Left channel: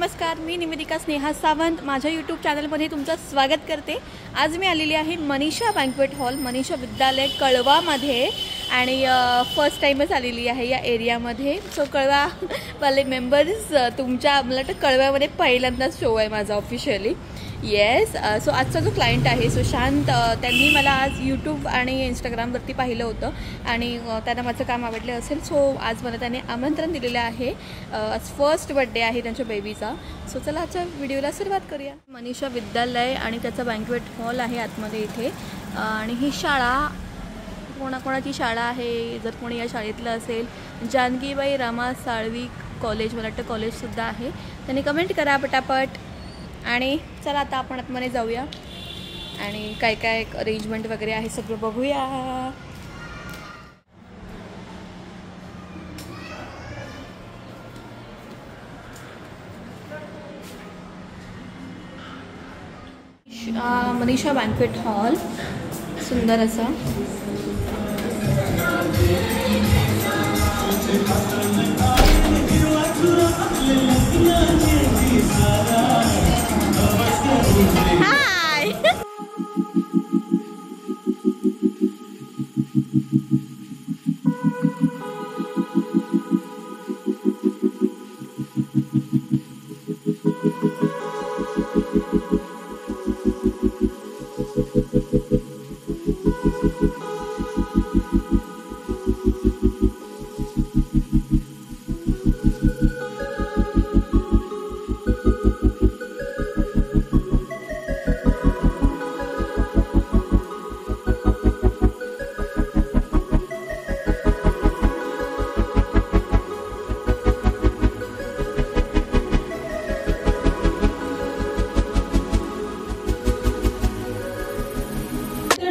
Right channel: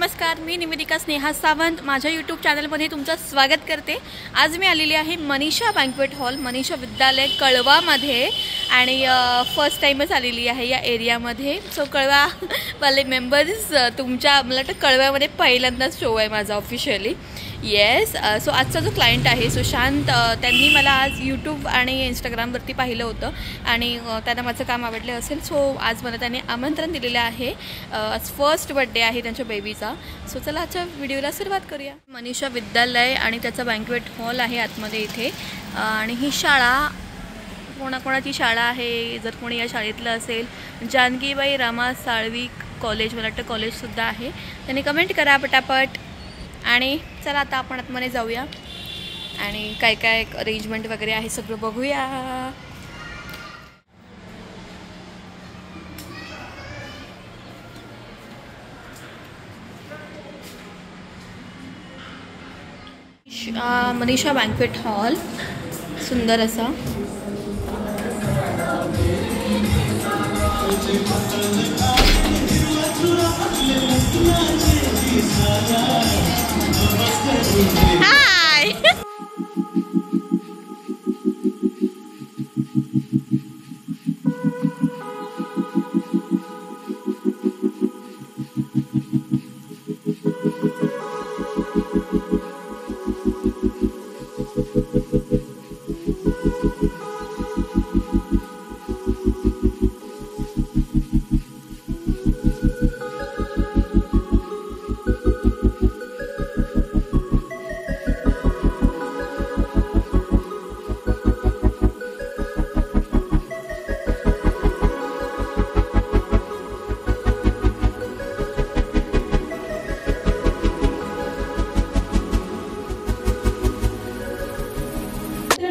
नमस्कार, मी निवेदिका स्नेहा सावंत माझ्या यूट्यूब चॅनलमध्ये तुमचं स्वागत करते। आज मी आलेली आहे मनीषा बँक्वेट हॉल, मनीषा विद्यालय कळवामध्ये आणि फर्स्ट टाइमच आलेली आहे या एरियामध्ये। सो कळवा वाले मेंबर्स तुमच्या मला वाटतं कळव्यामध्ये पहिल्यांदाच शो आहे माझा ऑफिशियली। येस, सो आजचा जो क्लायंट आहे सुशांत, त्यांनी मला आज यूट्यूब आणि इंस्टाग्रामवरती पाहिलं होतं आणि त्यांना माझं काम आवडलं असेल। सो आज मला त्याने आमंत्रण दिलेलं आहे। आज फर्स्ट बर्थडे आहे त्यांच्या बेबीचा। सो चला आजच्या व्हिडिओला सुरुवात करूया। मनीषा विद्यालय आणि त्याचा बँक्वेट हॉल आहे आतमध्ये इथे। आणि ही शाळा कोणाकोणाची शाळा आहे, जर कोणी या शाळेतलं असेल, जानकीबाई रामा साळवी कॉलेज, मला वाटतं कॉलेजसुद्धा आहे, त्यांनी कमेंट करा पटापट। आणि चला आता आपण आतमध्ये जाऊया आणि काय काय अरेंजमेंट वगैरे आहे सगळं बघूया। मनीषा बँक्वेट हॉल सुंदर असा। हाय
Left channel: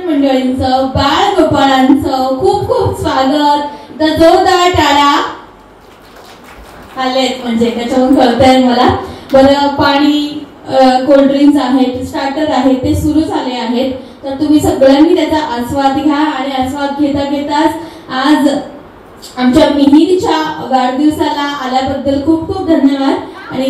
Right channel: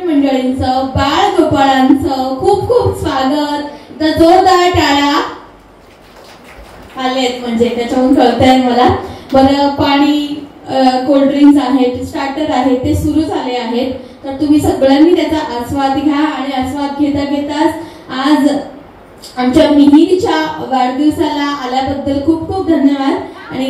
मंडळींचं, बाळ गोपाळांचं खूप खूप स्वागत। जोरदार टाळ्या आलेत म्हणजे त्याच्याहून कळतंय मला। बरं, पाणी, कोल्ड्रिंक्स आहेत, स्टार्टर आहेत, ते सुरू झाले आहेत, तर तुम्ही सगळ्यांनी त्याचा आस्वाद घ्या। आणि आस्वाद घेता घेताच आज आमच्या मिहिरच्या वाढदिवसाला आल्याबद्दल खूप खूप धन्यवाद। आणि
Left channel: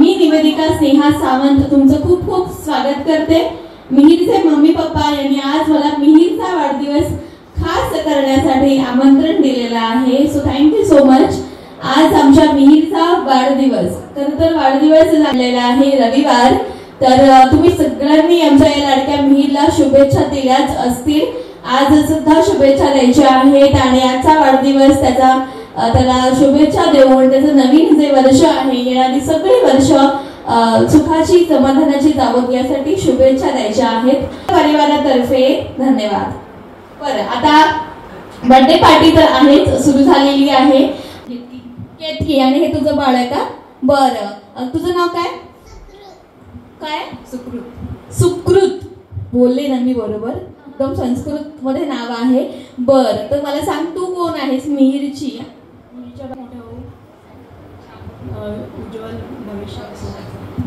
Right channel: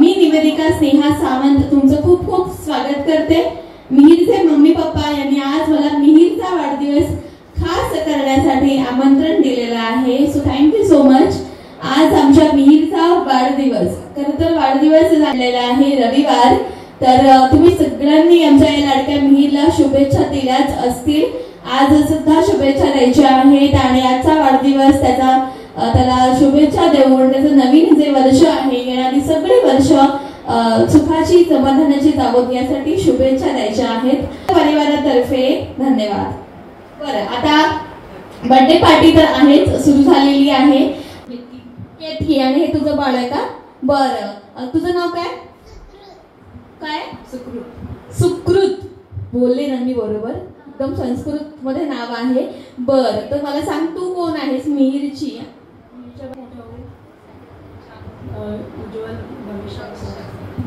मी निवेदिका स्नेहा सावंत तुमचं खूप खूप स्वागत करते। मिहिरचे मम्मी पप्पा यांनी आज मला मिहिरचा वाढदिवस खास करण्यासाठी आमंत्रण दिलेलं आहे। So thank you so much. आज आमच्या मिहिरचा वाढदिवस, खरं तर वाढदिवस झालेला आहे रविवार, तर तुम्ही सगळ्यांनी आमच्या या लाडक्या मिहिरला शुभेच्छा दिल्याच असतील। आज सुद्धा शुभेच्छा द्यायच्या आहेत आणि आजचा वाढदिवस त्याला शुभेच्छा देऊन त्याचं नवीन जे वर्ष आहे, येणारी सगळी वर्ष सुखाची समाधानाची जावो यासाठी शुभेच्छा द्यायच्या आहेत परिवारातर्फे। धन्यवाद। बरं, आता बर्थडे पार्टी तर आहेच, सुरू झालेली आहे। केतकी, आणि हे तुझं बाळ आहे का? बरं, तुझं नाव काय? काय? सुकृत। सुकृत बोलले ना मी बरोबर? एकदम संस्कृत मध्ये नाव आहे। बरं, तर मला सांग तू कोण आहेस मिहिरची?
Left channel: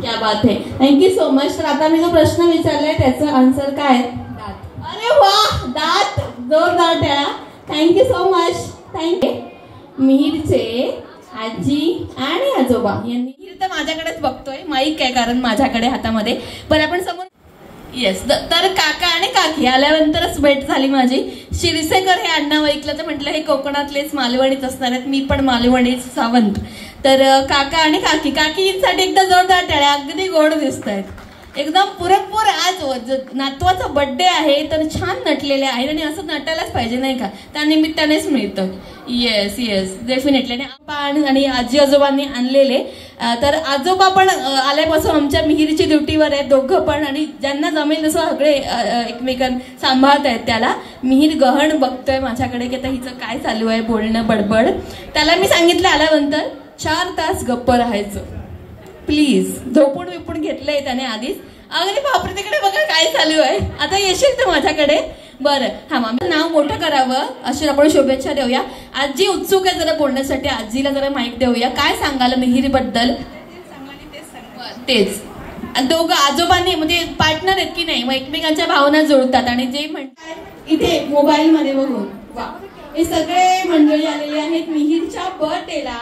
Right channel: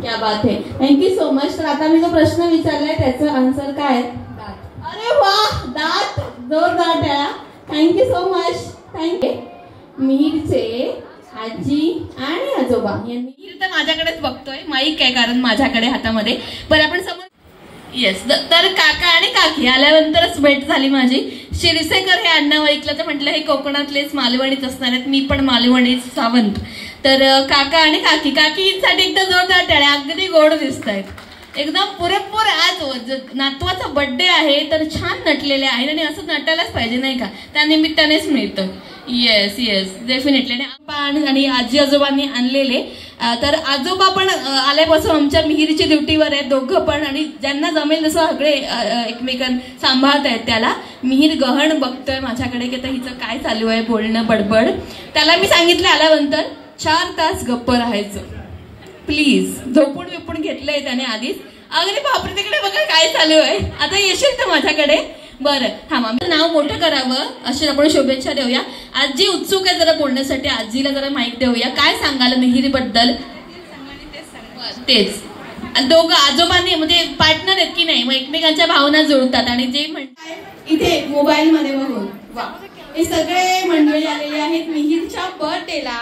क्या बात है, थँक्यू सो मच। तर आता मी जो प्रश्न विचारलाय त्याचं आन्सर काय? दात। अरे वाह, दात, जोरदार टाळ्या। Thank you so much, thank you. मिहिरचे आजी आणि आजोबा यांनी, मिहिर तर माझ्याकडेच बघतोय, माईक आहे कारण माझ्याकडे हातामध्ये, पण आपण समोर। येस, तर काका आणि काकी आल्यानंतरच भेट झाली माझी। शिरसेकर हे आडनाव ऐकलं तर म्हटलं हे कोकणातलेच मालवणीच असणार आहेत, मी पण मालवणीच सावंत। तर काका आणि काकींसाठी एकदा जोरदार टाळ्या। अगदी गोड दिसत आहेत, एकदम पुरेपूर। आज नातवाचा बर्थडे आहे तर छान नटलेले आहेत आणि असं नटायलाच पाहिजे नाही का, त्या निमित्तानेच मिळतं। Yes yes, definitely. आणि आजी आजोबांनी आणलेले, तर आजोबा पण आल्यापासून आमच्या मिहिरची ड्युटीवर आहेत दोघं पण, आणि ज्यांना जमेल तसं सगळे एकमेकांना सांभाळत आहेत त्याला। मिहिर गहन बघतोय माझ्याकडे की आता हिचं काय चालू आहे बोलणं बडबड। त्याला मी सांगितलं आल्यानंतर 4 तास गप्प राहायचं प्लीज, झोपून विपून घेतलंय त्याने आधीच। अगदी बापरे, तिकडे बघा काय चालू आहे, आता येशील तर माझ्याकडे? बरं, थांबा, नाव मोठं करावं अशी आपण शुभेच्छा देऊया। आजी उत्सुक आहे जरा बोलण्यासाठी, आजीला जरा माहिती देऊया, काय सांगाल मिहिर बद्दल? तेच दोघं आजोबांनी म्हणजे पार्टनर आहेत की नाही, मग एकमेकांच्या भावना जुळतात आणि जे म्हणतात इथे मोबाईल मध्ये बघून। वा, हे सगळे मंडळी आलेले आहेत मिहिरच्या बर्थडेला।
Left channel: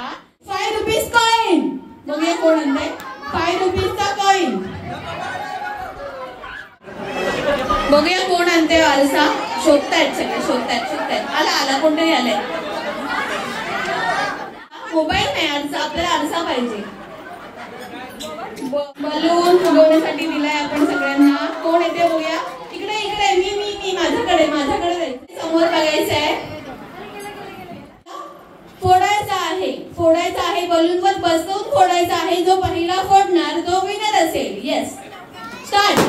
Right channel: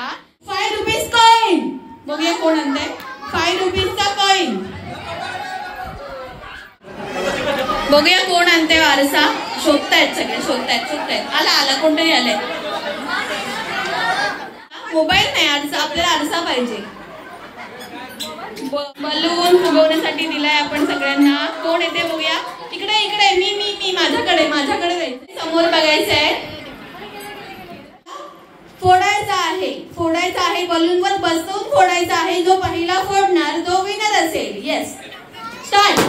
5 रुपीज कॉइन बघूया कोण आणताय। 5 रुपीजचा कॉइन. बघूया कोण आणते आरसा. शोधतायत सगळे, शोधतायत. आला कोणतरी आलंय. मोबाईल नाही, आरसा. आपल्याला आरसा पाहिजे. बलून फुगवण्यासाठी दिलाय आपण सगळ्यांना. कोण येते बघूया. इकडे मी माझ्याकडे जायचं. समोर बघायचं आहे. फोडायचा आहे बलून वर बसवून फोडायचा आहे. जो पहिला फोडणार तो विनर असेल. Yes, start.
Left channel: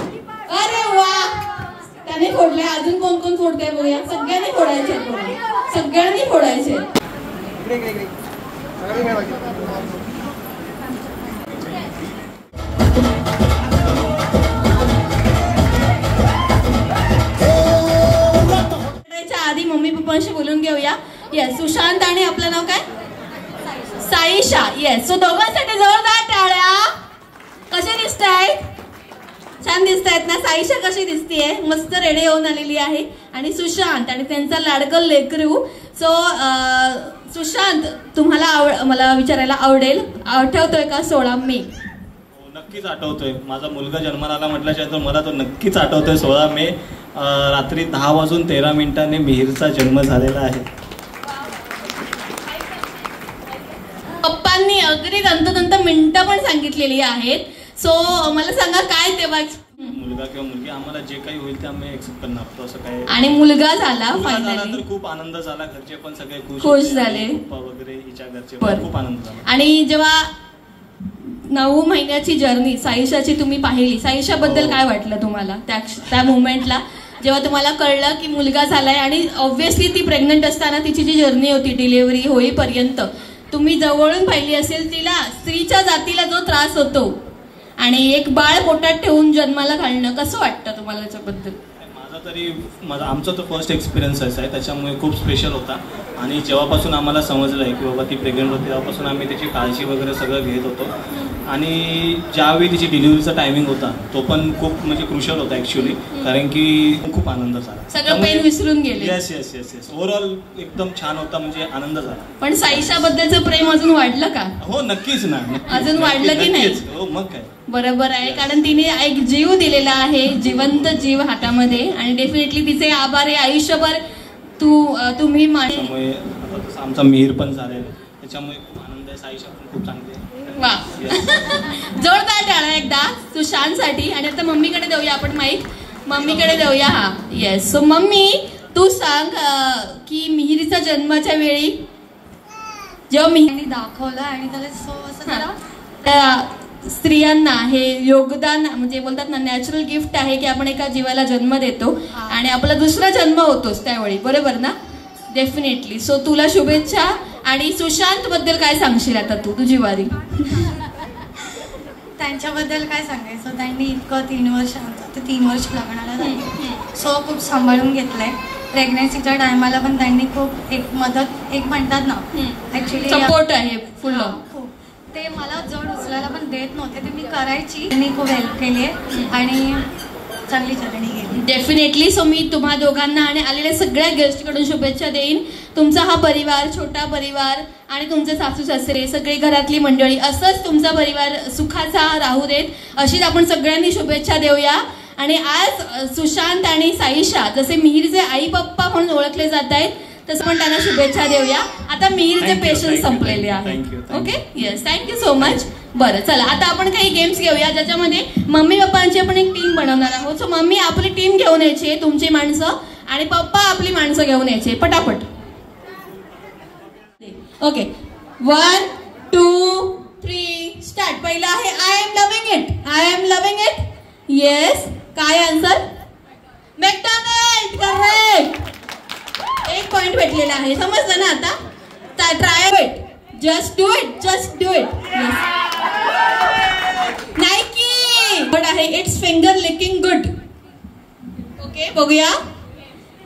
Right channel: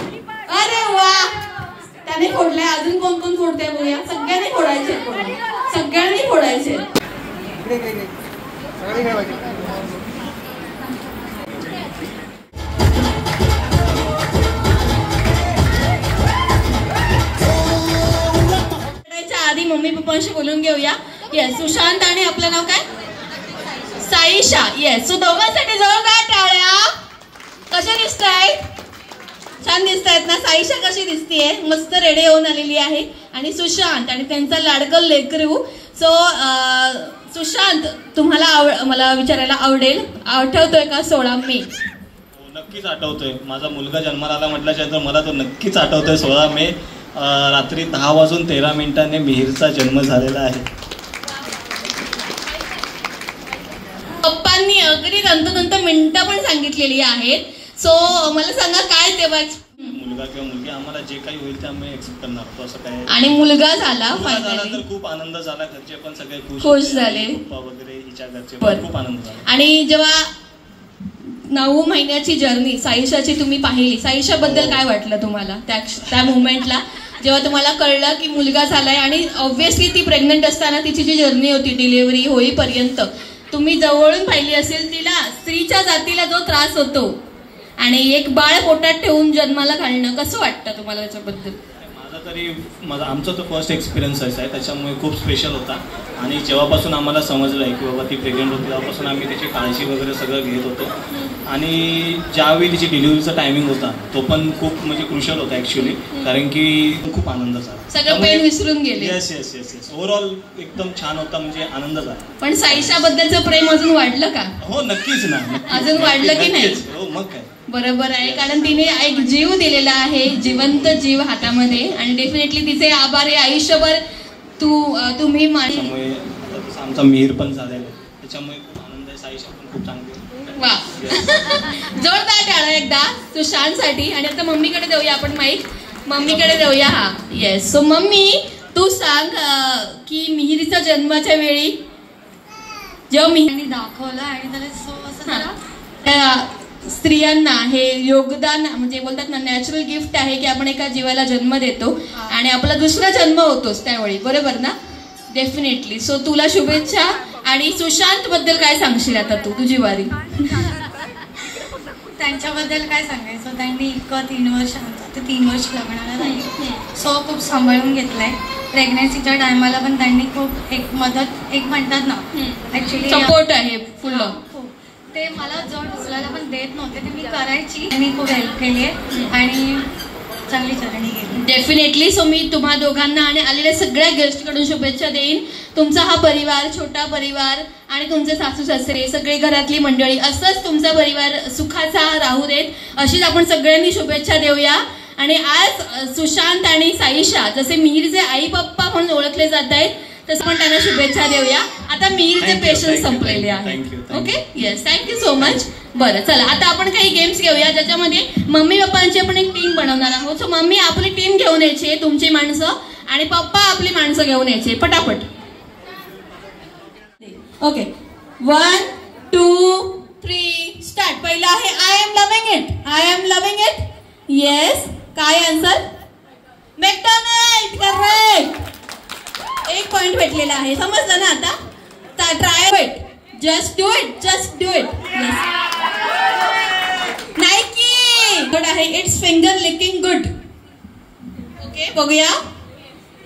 अरे वा, त्याने फोडलाय. अजून कोण फोडते बघूया. सगळ्यांनी फोडायचे. आधी मम्मी पप्पांशी बोलून घेऊया. येस, सुशांत आणि आपलं नाव काय? साईशा. येस, सो दोघांसाठी जोरदार टाळ्या. कसे दिसतायत? छान दिसतायत ना. साईशा कशी दिसतीये? मस्त रेडी होऊन आलेली आहे. आणि सुशांत आणि त्यांचा लाडकं लेकरू. सो सुशांत, तुम्हाला मला विचारायला आवडेल, आठवतोय का 16 मे? नक्कीच आठवतोय. माझा मुलगा जन्माला आला म्हटल्याच्या मला तो नक्कीच आठवतोय. 16 मे रात्री 10:13 मिहिरचा जन्म झालेला आहे. पप्पांनी अगदी तंतोतंत मिनिटं पण सांगितलेली आहेत. सो मला सांगा काय तेव्हा मुलगा किंवा मुलगी आम्हाला जे काही होईल ते आम्ही एक्सेप्ट करणार. असं काय. आणि मुलगा झाला फायनली. तर खूप आनंद झाला. घरचे पण सगळे खुश झाले. पप्पा वगैरे हिच्या घरचे खूप आनंद झाला. आणि जेव्हा 9 महिन्याची जर्नी साईशाची तुम्ही पाहिली, साईशा बद्दल काय वाटलं तुम्हाला त्या मुवमेंटला, जेव्हा तुम्हाला कळलं की मुलगा झालाय? आणि ऑब्व्हियसली ती प्रेग्नंट असताना तिची जी जर्नी होती डिलिव्हरी होईपर्यंत तुम्ही जवळून पाहिली असेल. तिला स्त्रीच्या जातीला जो त्रास होतो आणि एक बाळ पोटात ठेवून जन्माला घालणं, कसं वाटतं तुम्हाला त्याच्याबद्दल? आमचा तो फर्स्ट एक्सपिरियन्स आहे, त्याच्यामुळे खूप स्पेशल होता. आणि जेव्हापासून आम्हाला समजलं आहे की बाबा ती प्रेग्नंट होती तेव्हापासून आम्ही त्याची काळजी वगैरे सगळं घेत होतो. आणि ज्यावेळी तिची डिलिव्हरीचा टायमिंग होता तो पण खूप म्हणजे क्रुशल होता ऍक्च्युली, कारण की खूप आनंद झाला. सगळं पेन विसरून गेले. येस. ओव्हरऑल एकदम छान होता, म्हणजे आनंद झाला. पण साईशा बद्दलचं प्रेम अजून वाढलं का? हो नक्कीच ना. अजून वाढलं की नाही? हो, मग काय. बरोबर आहे, कारण तिने एक जीव दिलेला आहे, जिवंत जीव हातामध्ये. आणि डेफिनेटली तिचे आभार आहे आयुष्यभर तुम्ही आमचा मिहीर पण झालेला, त्याच्यामुळे खूप आनंद आहे. साईशा पण खूप चांगली. वा, जोरदार टाळा एकदा सुशांतसाठी. आणि आता मम्मीकडे देऊया आपण माईक. मम्मीकडे देऊया. हा, येस. सो मम्मी, तू सांग की मिहिरीचा जन्माच्या वेळी जेव्हा मिहिरने दाखवलं आणि त्याला स्त्रियांना हे योगदान म्हणजे बोलतात ना, नॅचरल गिफ्ट आहे की आपण एका जीवाला जन्म देतो आणि आपला दुसरा जन्म होतोच त्यावेळी, बरोबर ना? डेफिनेटली. सो तुला शुभेच्छा. आणि सुशांत बद्दल काय सांगशील आता तू, तुझी वारी? त्यांच्याबद्दल काय सांगायचं, त्यांनी इतकं 3 वर्ष लग्नाला झाली. सो खूप सांभाळून घेतलंय. प्रेग्नन्सीच्या टायमाला पण त्यांनी खूप एक मदत, एक म्हणतात ना ऍक्च्युली सपोर्ट आहे फुल. ते मला जड उचलायला पण देत नव्हते, ते मी करायची. त्यांनी खूप हेल्प केली आहे आणि चांगली जर्नी गेली. डेफिनेटली. सो मी तुम्हा दोघांना आणि आलेल्या सगळ्या गेस्टकडून शुभेच्छा देईन. तुमचा हा परिवार, छोटा परिवार आणि तुमचे सासू सासरे, सगळे घरातली मंडळी, असंच तुमचा परिवार सुखाचा राहू देत, अशीच आपण सगळ्यांनी शुभेच्छा देऊया. आणि आज सुशांत आणि साईशा जसे मिहिरचे आई पप्पा म्हणून ओळखले जात आहेत, तसं पण त्यांना शुभेच्छा देऊया. आता मिहिरचे पेशंट संपलेले आहेत. Okay, yes, thank you so much. बरं, चला आता आपण काही गेम्स घेऊया ज्याच्यामध्ये मम्मी पप्पांची आपण एक टीम बनवणार आहोत. सो मम्मी आपली टीम घेऊन यायची, तुमची माणसं, आणि पप्पा आपली माणसं घेऊन यायचे. पटापट. Okay, 1 2 3 start. पहिला आहे I am loving it. I am loving it. Yes. काय आन्सर? मॅकडोनल्ड. करेक्ट. 1 पॉइंट भेटलेला आहे. समजलं ना आता? Try it. Just do it. Just do it. Nike. Good आहे. It's finger licking good. Okay, बघूया.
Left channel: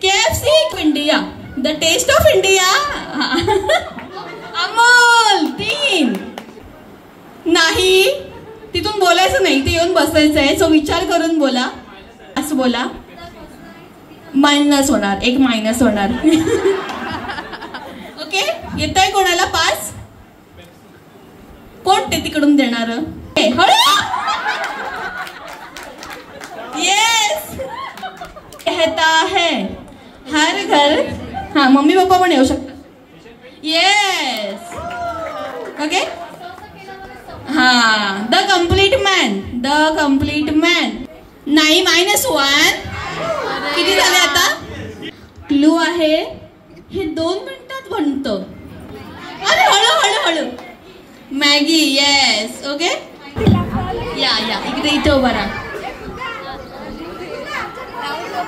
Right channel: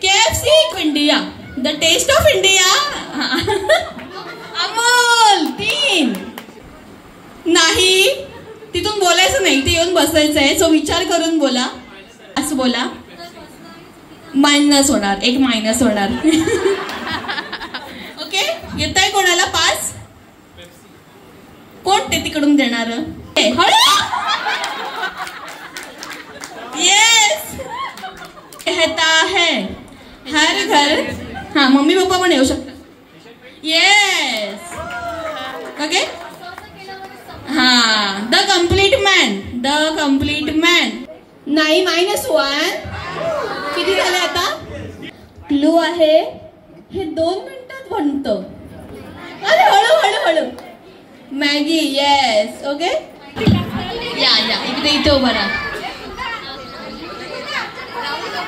KFC India. The taste of India. Amul. 3 नाही, तिथून बोलायचं नाही, ते येऊन बसायचं आहे. सो विचार करून बोला. असं बोला. मायनस होणार, 1 मायनस होणार. ओके, येत आहे कोणाला 5? कोण ते तिकडून देणार? The complete man. The complete man. नाही -1. किती झाले आता? क्लू आहे हे 2 मिनिटात बनतं. अरे हळू. मॅगी. येस. ओके. या इथे उभा राहा.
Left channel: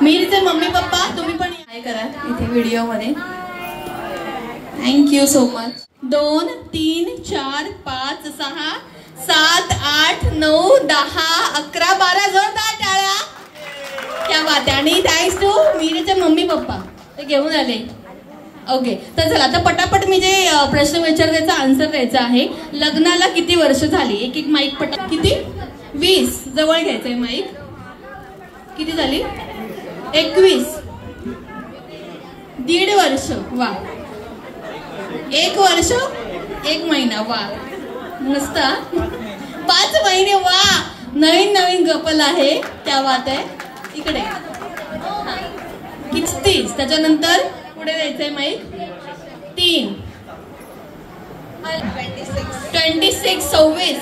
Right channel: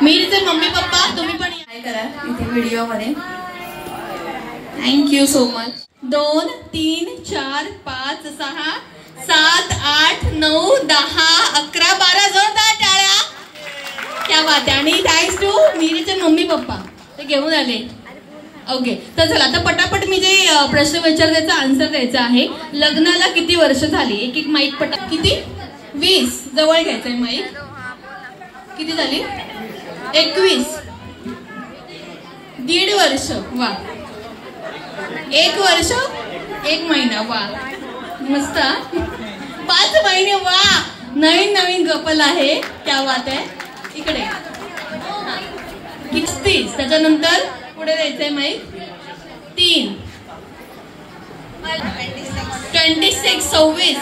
मीरचे मम्मी पप्पा तुम्ही पण काय करा इथे व्हिडिओ मध्ये. Thank you so much. 2 3 4 5 6 7 8 9 10 11 12 जोरदार टाळ्या. क्या बात आहे. आणि थँक्स टू मीरचे मम्मी पप्पा ते घेऊन आले. ओके तर चला आता पटापट मी जे प्रश्न विचार त्याचा आन्सर द्यायचा आहे. लग्नाला किती वर्ष झाली? एक माईक पटा. किती? 20. जवळ घ्यायचंय माईक. किती झाली? 21. 1.5 वर्ष. वा. 1 वर्ष 1 महिना. वा मस्त. 5 महिने. वा नवीन कपल आहे. क्या बात आहे. इकडे 30. त्याच्यानंतर पुढे द्यायचंय माईक. 3 26 26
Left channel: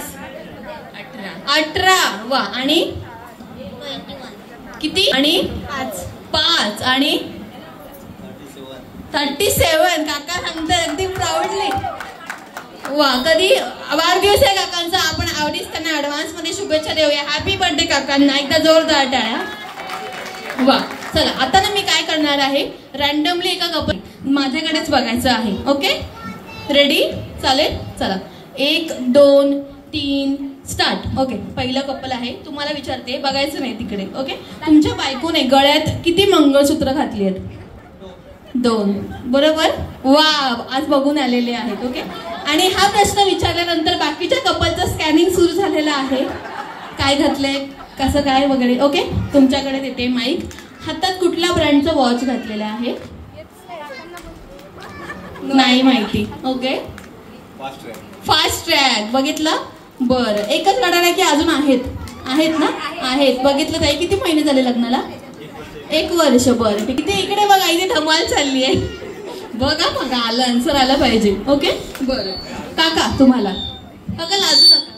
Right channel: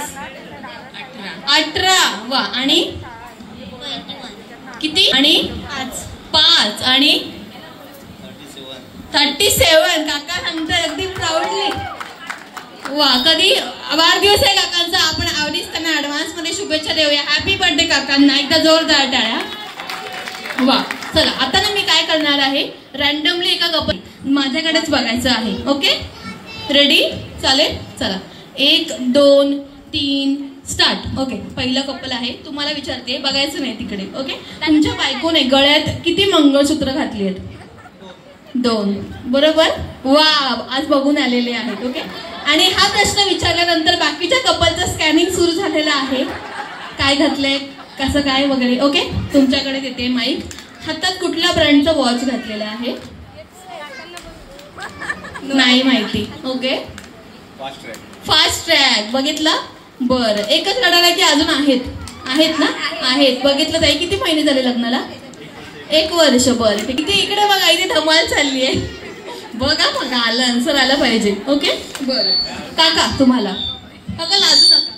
18. वा. आणि किती? आणि 5 आणि 37. काका सांगतोय अगदी प्राऊडली. वा. कधी वाढदिवस आहे काकांचा. आपण आवडीच त्यांना ऍडव्हान्स मध्ये शुभेच्छा देऊया. हॅपी बर्थडे काकांना. एकदा जोरदार टाळ्या. वा. चला आता ना मी काय करणार आहे रॅन्डमली एका कपल माझ्याकडेच बघायचं आहे. Okay ready? चालेल. चला 1 2 3 स्टार्ट. ओके पहिलं कपल आहे. तुम्हाला विचारते बघायचं नाही तिकडे. ओके तुमच्या बायकोने गळ्यात किती मंगळसूत्र घातली आहेत? 2. बरोबर. वा आज बघून आलेले आहेत. ओके आणि हा प्रश्न विचारल्यानंतर बाकीच्या कपलचं स्कॅनिंग सुरू झालेलं आहे. काय घातलंय कसं काय वगैरे. ओके तुमच्याकडे देते माईक. हातात कुठल्या ब्रँडचं वॉच घातलेलं आहे? नाही माहिती. Okay fast track. बघितलं. बरं एकच रडायला की अजून आहेत ना? आहेत. बघितलं ताई किती महिने झाले लग्नाला? 1 वर्ष. बरं किती? इकडे बघा इथे धमाल चालली आहे. बघा आलं आन्सर आलं पाहिजे. ओके बरं काका तुम्हाला काका लाजू नका.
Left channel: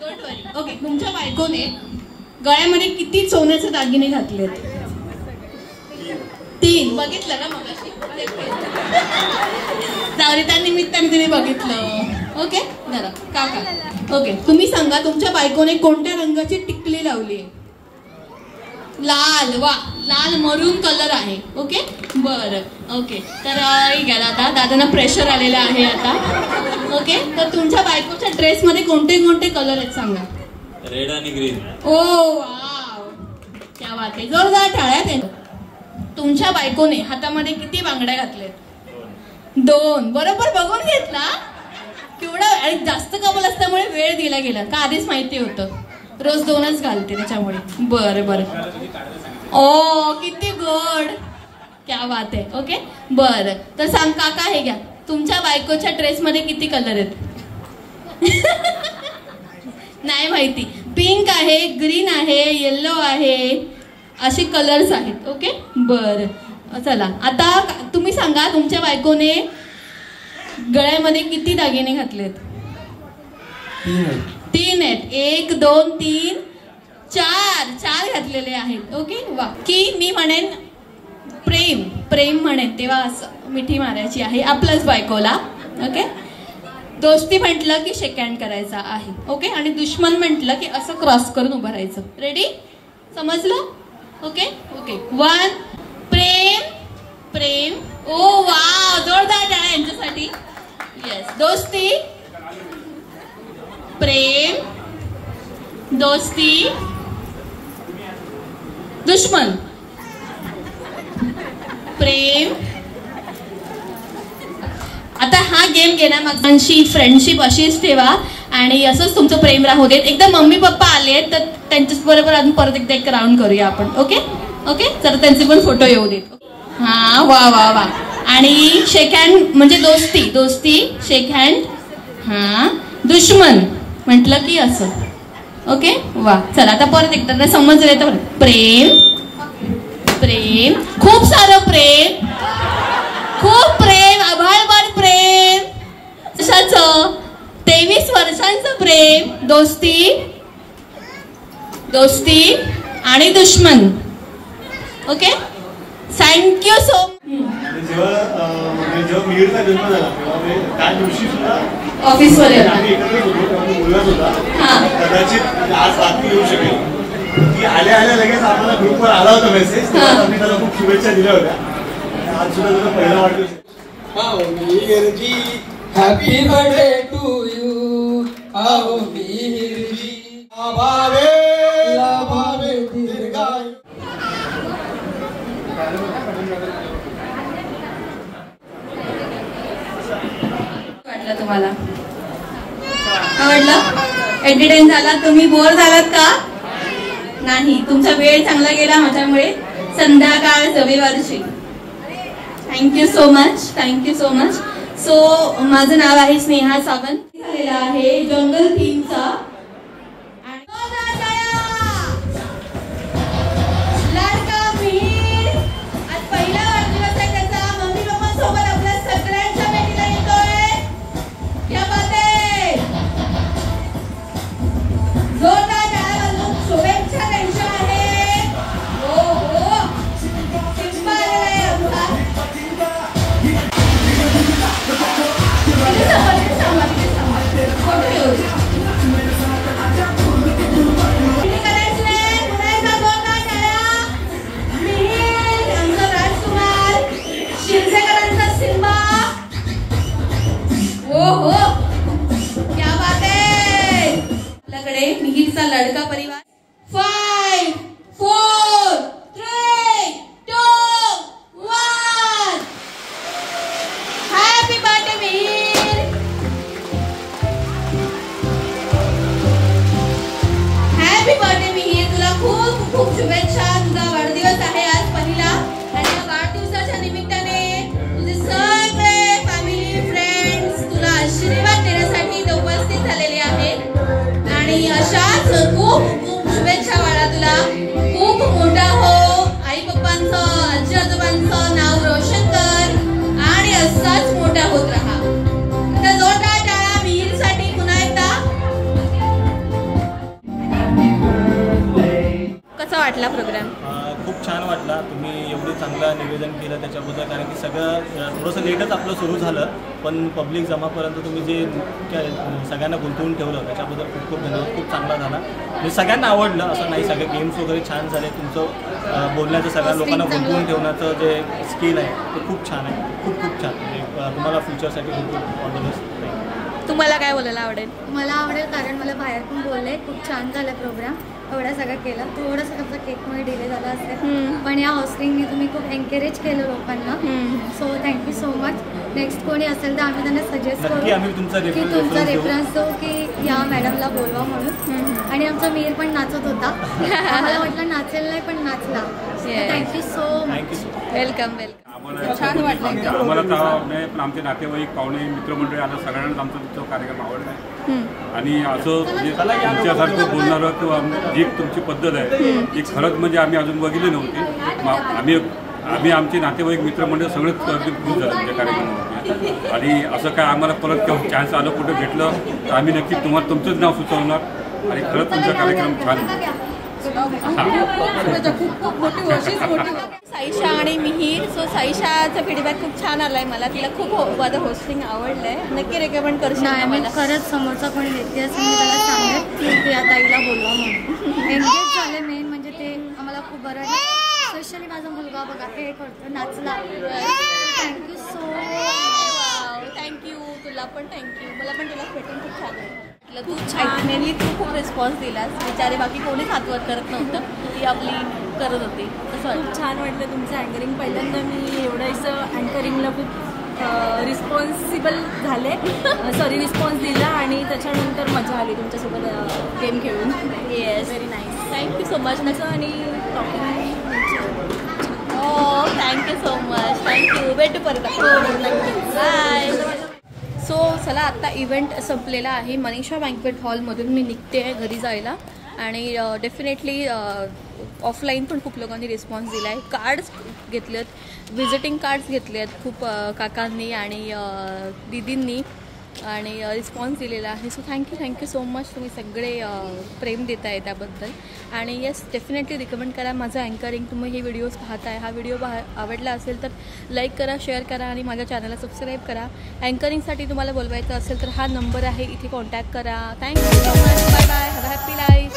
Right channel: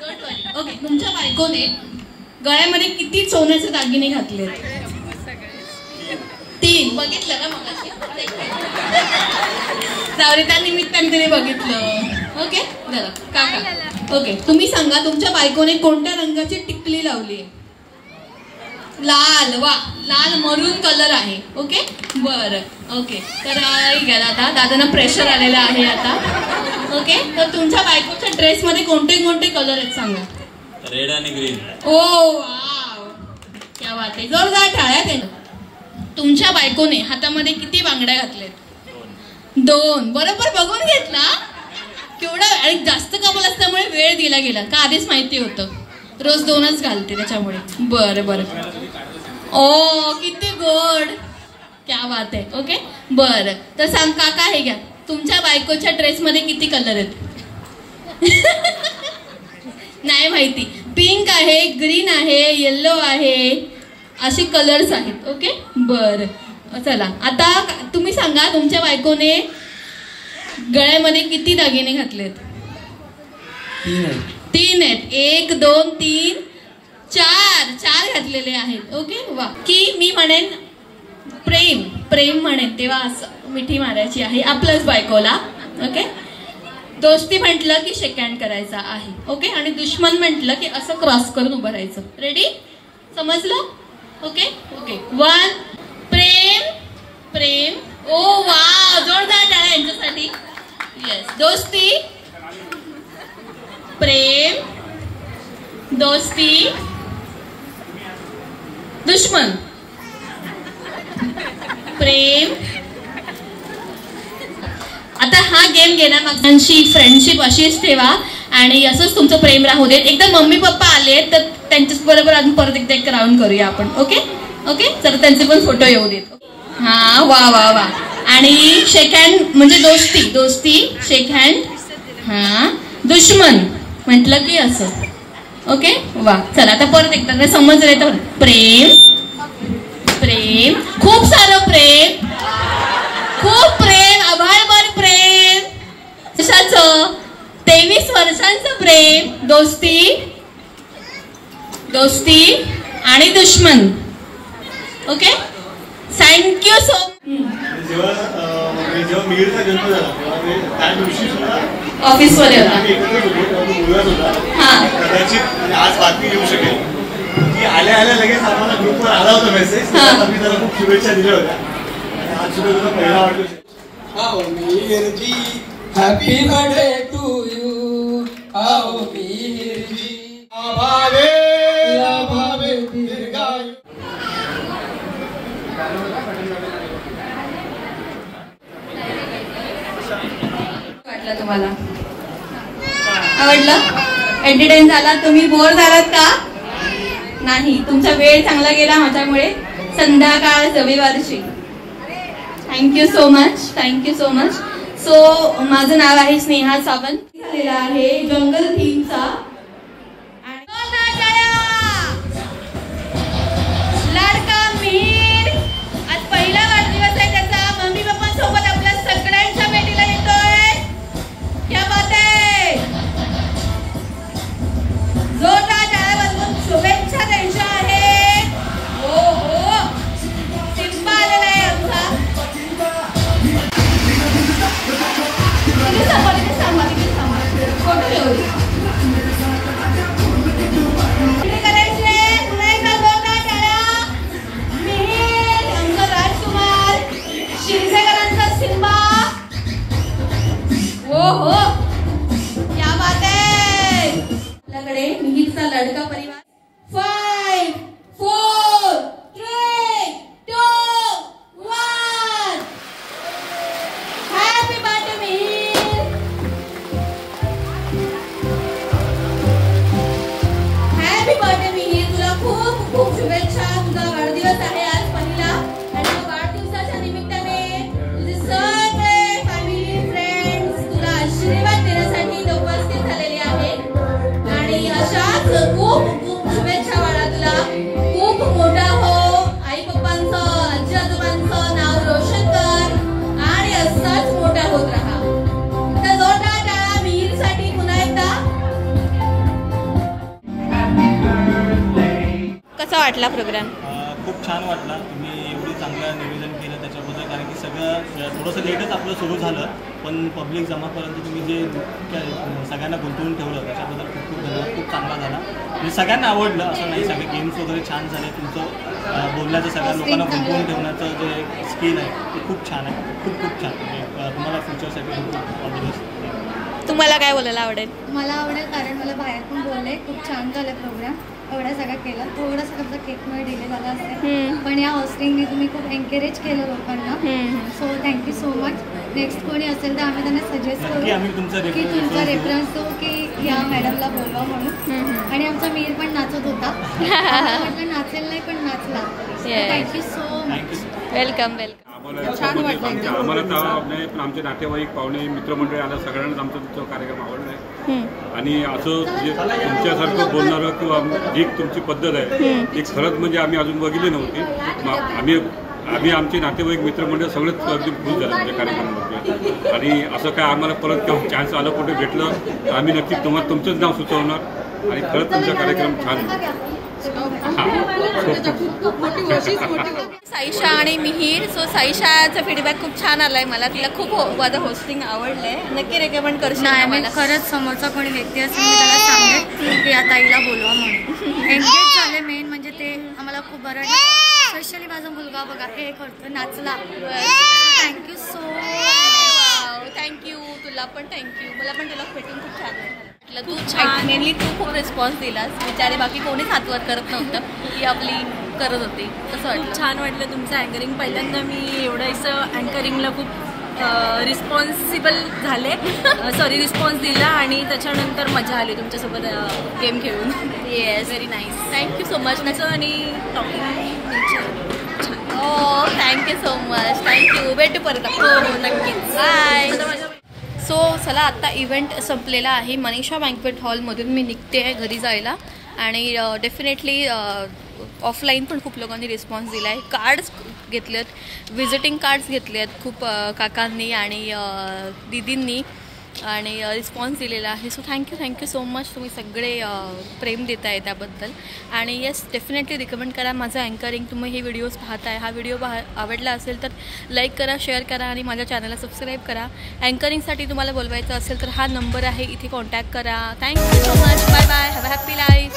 Don't worry. ओके तुमच्या बायकोने गळ्यामध्ये किती सोन्याचे दागिने घातलेत? 3. बघितलं ना मगाशी. त्या निमित्ताने तिने बघितलं. ओके जरा काका. ओके तुम्ही सांगा तुमच्या बायकोने कोणत्या रंगाची टिकली लावली आहे? लाल. वा लाल मरून कलर आहे. ओके बरं. ओके तर घ्या दादांना प्रेशर आलेलं आहे आता. ओके तर तुमच्या बायकोच्या ड्रेसमध्ये कोणते कलर आहेत सांगा? रेड आणि ग्रीन. ओ वाव क्या बात आहे. जोरदार टाळ्या त्यांना. तुमच्या बायकोने हातामध्ये किती बांगड्या घातल्यात? 2. बरोबर बघून घेतला. केवढा आणि जास्त कपल असल्यामुळे वेळ दिला गेला का? आधीच माहिती होतं रोज 2च घालते त्याच्यामुळे. बरं ओ किती गोड. क्या बात आहे. ओके बरं तर सांग काका हे घ्या. तुमच्या बायकोच्या ड्रेसमध्ये किती कलर आहेत? नाही माहिती. पिंक आहे, ग्रीन आहे, येल्लो आहे, असे कलर्स आहेत. ओके बरं चला आता तुम्ही सांगा तुमच्या बायकोने गळ्यामध्ये किती दागिने घातलेत? 3 आहेत. 1 2 3 4 घातलेले आहेत. ओके वा. की मी म्हणेन प्रेम म्हणेन तेव्हा असं मिठी मारायची आहे आपल्याच बायकोला. ओके दोस्ती म्हटलं की शेक हँड करायचा आहे. ओके आणि दुश्मन म्हटलं की असं क्रॉस करून उभं राहायचं. रेडी? समजलं? ओके 1 प्रेम. ओ वा जोरदार टाळ्या यांच्यासाठी. येस. दोस्ती प्रेम दोस्ती दुश्मन प्रेम. आता हा गेम घेण्यामागची फ्रेंडशिप अशीच ठेवा आणि असंच तुमचं प्रेम राहू देत. एकदा मम्मी पप्पा आले तर त्यांच्याच बरोबर अजून परत एकदा एक राऊंड करूया आपण. ओके तर त्यांचे पण फोटो येऊ देत. हा वा. आणि शेक हँड म्हणजे दोस्ती शेक हँड. हा दुश्मन म्हटलं की असं. ओके वा. चला आता परत एकदा समजले तर प्रेम खूप सारं प्रेम खूप प्रेम आभाळभर प्रेम. कशाचं? 23 वर्ष वर्षांचं प्रेम, दोस्ती आणि दुश्मन. Okay, thank you so much. जेव्हा मिहिरचा जन्म झाला तेव्हा त्या दिवशी सुद्धा ऑफिसमध्ये होता. कदाचित आज बातमी देऊ शकेल की आल्या लगेच आम्हाला ग्रुपवर आला होता मेसेज. आम्ही त्याला खूप शुभेच्छा दिल्या होत्या. आणि आज सुद्धा तुझा पहिला वाढदिवस. Happy birthday to you. आओ मिहिरजी भावे दीर्घायु. वाटलं तुम्हाला? आवडलं? एंटरटेन झाला? तुम्ही बोर झालात का? नाही, तुमचा वेळ चांगला गेला माझ्यामुळे. संध्याकाळ रविवारची. Thank you so much. सो माझं नाव आहे स्नेहा सावंत. झालेला आहे जंगल थीमचा. लाडका मिहिर आज पहिला वाढदिवस आहे त्याचा. मम्मी पप्पांसोबत आपल्या सगळ्यांच्या भेटीला येतोय. क्या बात आहे. जोरदार टाळ्या वाजवून शुभेच्छा द्यायच्या आहेत. हो सिम्बा आलेला आहे आमचा. तिथे थांबा. फोटो घेऊ. मिहिरचा लडका परिवार. 5, 4, 3, 2, 1. Happy birthday Mihir. Happy birthday Mihir. तुला खूप खूप शुभेच्छा. तुझा वाढदिवस आहे आज पहिला. आणि वाढदिवसाच्या निमित्ताने तुझे सगळे फॅमिली फ्रेंड्स तुला आशीर्वाद देण्यासाठी इथे उपस्थित झालेले आहेत. आणि अशाच खूप शुभेच्छा बाळा. तुला खूप मोठा हो. आई पप्पांचं, आजी आजोबांचं नाव रोशन कर आणि असाच मोठा होत राहा. तर जोरदार टाळा मिहिरसाठी पुन्हा एकदा. कसा वाटला प्रोग्राम? खूप छान वाटला. तुम्ही एवढी चांगलं निवेदन केलं त्याच्याबद्दल. कारण की सगळं थोडंसं लेटच आपलं सुरू झालं, पण पब्लिक जमापर्यंत तुम्ही जे सगळ्यांना गुंतवून ठेवलं त्याच्याबद्दल खूप खूप धन्यवाद. खूप चांगला झाला. म्हणजे सगळ्यांना आवडलं असं नाही. सगळे गेम्स वगैरे छान झाले. तुमचं बोलण्याचं सगळ्या लोकांना गुंतवून ठेवण्याचं जे स्किल आहे ते खूप छान आहे. खूप छान. म्हणजे तुम्हाला फ्युचरसाठी खूप ऑल. तुम्हाला काय बोलायला आवडेल? मला आवडेल कारण मला बाहेर पण बोलले. खूप छान झालं प्रोग्राम. एवढा सगळं केलं. थोडंसं आमचा केकमुळे डिले झाला असेल, पण या होस्टिंगने तुम्ही खूप एनकरेज केलं लोकांना. So thank you so much. Next कोणी असेल तर आम्ही त्यांना सजेस्ट करू की तुमचा रेफरन्स हो की या मॅडमला बोलवा म्हणून. आणि आमचा मिहिर पण नाचत होता. म्हटलं नाचेल नाही पण नाचला. Thank you so much. वेलकम. छान वाटलं आम्हाला. पण आमचे नातेवाईक पाहुणे मित्रमंडळी आलं सगळ्यांनाच आमचा तो कार्यक्रम आवडला आहे. आणि असं म्हणजे तुमच्यासारखं बोलणारं किंवा जी तुमची पद्धत आहे ती खरंच म्हणजे आम्ही अजून बघितली नव्हती. आम्ही आमचे नातेवाईक मित्रमंडळ सगळेच अगदी खुश झाले आमच्या कार्यक्रमावरती. आणि असं काय आम्हाला परत किंवा चान्स आलं कुठे भेटलं तर आम्ही नक्की तुम्हाला तुमचंच नाव सुचवणार. आणि खरंच तुमचा कार्यक्रम छान. साईशा आणि मिहिर. सो साईशाचा फीडबॅक खूप छान आलाय मला. तिला खूप माझं होस्टिंग आवडलंय. नक्की रेकमेंड करशील? नाही, खरंच समोरचा कोणी व्यक्ती असेल मी त्याला सांगेल की या ताईला बोलवा म्हणून. एंगेज झाले मेन म्हणजे ते आम्हाला खूप बरं वाटलं. स्पेशली माझा मुलगा बघा हे करतो नाचला. Thank you so much. थँक्यू. तुला पण थँक्यू. मला पण तुला भेटून खूप छान वाटलं. तू मेनली तू खूप रिस्पॉन्स दिलास. बिचारे बाकी कोणीच हातवर करत नव्हतं. ती आपली करत होती. कसं वाटलं? छान वाटलं तुमचं अँकरिंग. पहिल्यांदा मी एवढं असं अँकरिंगला खूप रिस्पॉन्सिबल झाले. रिस्पॉन्स दिला आणि त्याच्यानंतर मजा आली तुमच्यासोबत गेम खेळून. Yes, very nice. Thank you so much. आणि टॉकिंग हो, थँक्यू सो मच. थँक्यू. भेटू परत. हो नक्कीच. बाय. सो चला आत्ता इव्हेंट संपलेला आहे. मनीषा बँक्वेट हॉलमधून मी निघते आहे घरी जायला. आणि डेफिनेटली ऑफलाईन पण खूप लोकांनी रिस्पॉन्स दिला आहे. कार्ड्स घेतलेत, व्हिजिटिंग कार्ड्स घेतले आहेत खूप काकांनी आणि दीदींनी. आणि रिस्पॉन्स दिलेला आहे. So thank you so much. तुम्ही सगळे प्रेम देत आहे त्याबद्दल. आणि येस, डेफिनेटली रिकमेंड करा माझं अँकरिंग. तुम्ही हे व्हिडिओज पाहताय, हा व्हिडिओ आवडला असेल तर लाईक करा, शेअर करा आणि माझ्या चॅनलला सबस्क्राईब करा. अँकरिंगसाठी तुम्हाला बोलवायचं असेल तर हा नंबर आहे, इथे कॉन्टॅक्ट करा. Thank you so much. Bye bye. Have a happy life.